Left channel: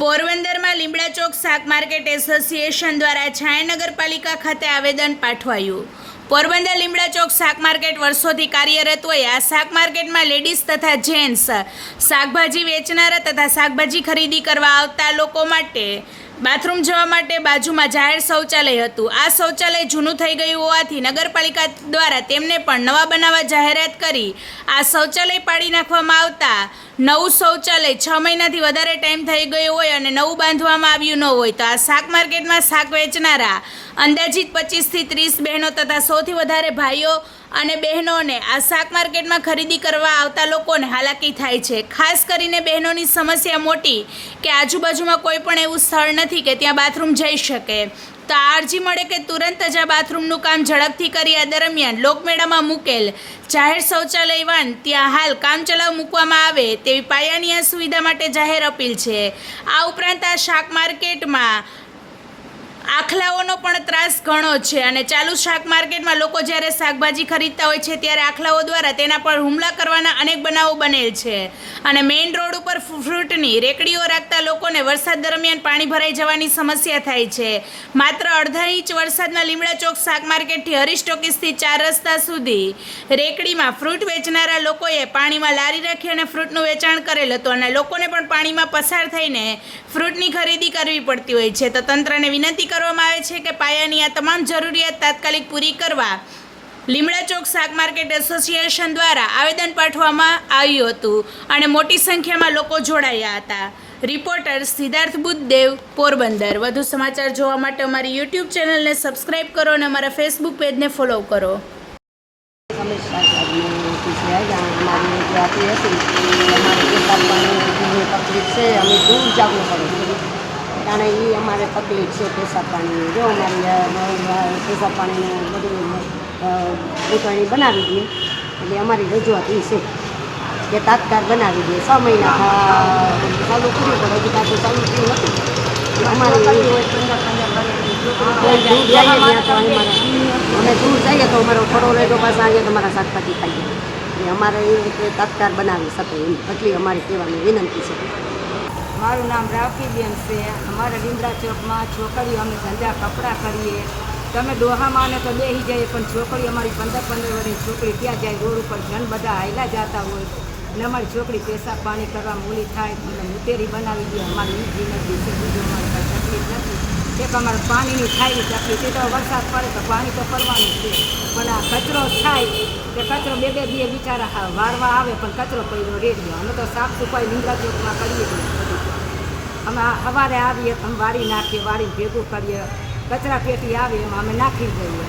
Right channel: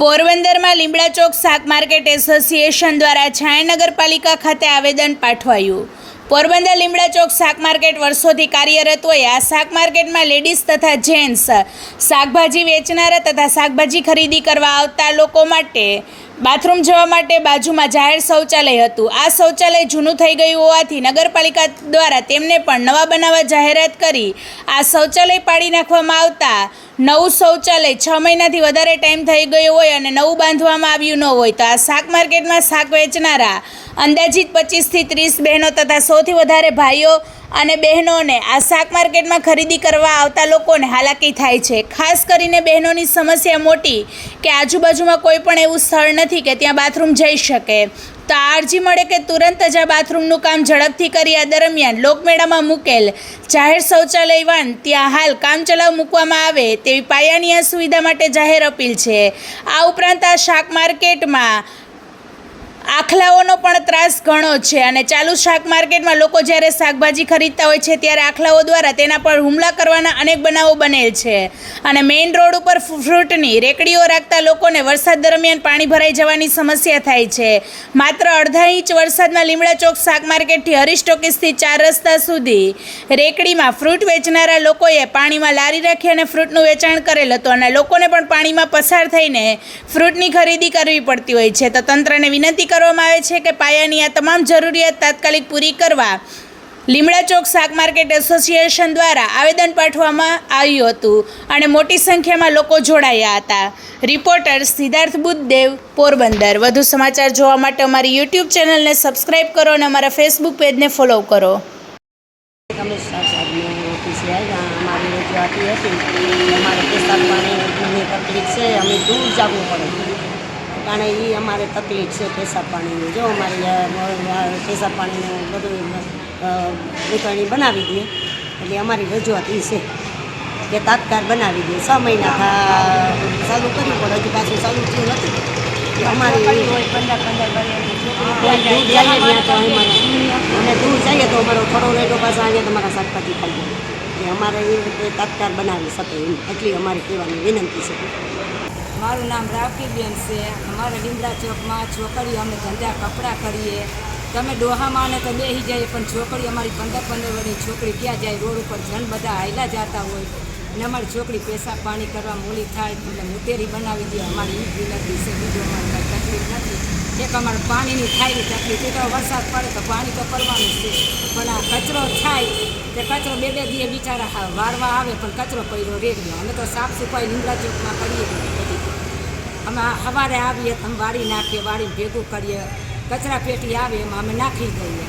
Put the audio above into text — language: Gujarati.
પોરબંદરમાં લીમડા ચોક શાક માર્કેટ એસોસિએશન દ્વારા છાયા નગરપાલિકા ખાતે આવેદન પાઠવાયું। પોરબંદર લીમડા ચોક શાક માર્કેટ વર્ષોથી કાર્યરત હોય આ શાક માર્કેટમાં લેડીઝ તથા જેન્ટ્સ શાકભાજી વેચનારા તથા શાકભાજી ખરીદી કરવા આવતા લોકો માટે બાથરૂમ જવા માટે બાજુમાં જાહેર શૌચાલય હતું। આ શૌચાલય જૂનું થઈ ગયું હોવાથી નગરપાલિકા દ્વારા તેમને પણ નવા બનાવવા જાહેરાત કરી આ શૌચાલય પાડી નાખવામાં આવતા નવું શૌચાલય 6 મહિનાથી વધારે ટાઈમ થઈ ગયો હોય અને નવું બાંધવામાં આવ્યું ન હોય તો આ શાક માર્કેટમાં શાક વેચનારા અંદાજિત 25 થી 30 બહેનો તથા 100 થી વધારે ભાઈઓ અને બહેનોને આ શાક માર્કેટમાં ખરીદી કરવા આવતા લોકોને હાલાકી થાય છે। ખાસ કરીને બહેનોની સમસ્યા મોટી કે આજુબાજુમાં કોઈ પણ એવું સ્થળ નથી કે ત્યાં બાથરૂમ જઈ શકે, તો આ અરજી મળે કે તુરંત જ આ બાથરૂમનું કામ ઝડપથી કરી આ દરમિયાન લોકમેળામાં મૂકેલ જાહેર શૌચાલય વાન ત્યાં હાલ કામચલાઉ મૂકવામાં આવે તેવી પાયાની આ સુવિધા માટે જાહેર અપીલ છે। આ ઉપરાંત આ શાક માર્કેટમાં આખલાઓનો પણ ત્રાસ ઘણો છે અને ચાલુ શાક માર્કેટમાં લોકો જ્યારે શાકભાજી ખરીદતા હોય છે ત્યારે આખલાઓ દ્વારા તેના પર હુમલા કરવાના અનેક બનાવો બનેલ છે અને મેઇન રોડ ઉપર ફ્રૂટની રેકડીઓ રાખતા લોકોને વરસાદ દરમિયાન પાણી ભરાઈ જવાની સમસ્યા થાય છે। માત્ર અડધા ઇંચ વરસાદમાં લીમડા ચોક શાક માર્કેટથી હરીશ ટોકીસથી 4 રસ્તા સુધી રેકડીમાં ફ્રૂટ વેચનારા લોકોએ પાણીમાં લારી રાખી અને ફ્રૂટનું વેચાણ કરેલ હતું અને લોકોને પણ પાણીમાં પસાર થઈને ફ્રૂટની ખરીદી કરવી પડતી હોય છે। તો તંત્રને વિનંતી કરવામાં આવે છે કે પાયાની આ તમામ જરૂરિયાત તાત્કાલિક પૂરી કરવા લીમડા ચોક શાક માર્કેટ એસોસિએશન દ્વારા આવેદન પાઠવવામાં આવ્યું હતું અને મોટી સંખ્યામાં લોકો જોડાયા હતા। રિપોર્ટર સિદ્ધાર્થ બુદ્ધદેવ, પોરબંદર। વધુ સમાચાર જોવા માટે અમારી યુટ્યુબ ચેનલને સબસ્ક્રાઈબ કરો અને અમારા ફેસબુક પેજને ફોલો કરો। हमारी जाती है हमारे पेशाब पानी तकलीफ से हमें दूर जाना पड़े कारण ये हमारे तकलीफ से पेशाब पानी जो हमारी पेशाब पानी બધું ઉતરણી બનાવી દઈએ એટલે અમારી રજૂઆત એ છે કે તાત્કાલ બનાવી દઈએ। 6 મહિના ચાલુ કરવું પડે હજી પાછું ચાલુ થયું નથી અમારી કોઈ દૂર જઈએ ત્યાં તો અમે દૂર જઈએ તો અમારો થોડો રેટો પાસે આજે તમારા શાકભાજી ખાઈએ એટલે અમારે એ રીતે તાત્કાલ બનાવી શકે એટલી અમારી કહેવાની વિનંતી છે। મારું નામ રાવકીબેન છે। અમારા લીમડા ચોકમાં છોકરીઓ અમે ધંધા કપડાં કરીએ તમે ડોહામાં તો બેસી જઈએ પણ છોકરી અમારી 15 વર્ષની છોકરી ક્યાં જાય રોડ ઉપર જણ બધા હાયલા જતા હોય અને અમારી છોકરી પેશાબ પાણી કરવા મૂલી થાય તમને મુતેરી બનાવી દે અમારી એ વિનંતી છે। બીજું અમારી કંઈ તકલીફ નથી। એક અમારે પાણીની થાય તકલીફ એ તો વરસાદ પડે તો પાણી તો પડવાનું છે પણ આ કચરો થાય તે કચરો 2 દીએ બિચારા વારવા આવે પણ કચરો પડ્યો રેડિયો અમે તો સાફ સફાઈ લીમડા ચોકમાં કરીએ બધું અમે સવારે આવીએ તો અમે વાળી નાખીએ વાળીને ભેગું કરીએ કચરા પેટી આવે એમાં અમે નાખી દઈએ।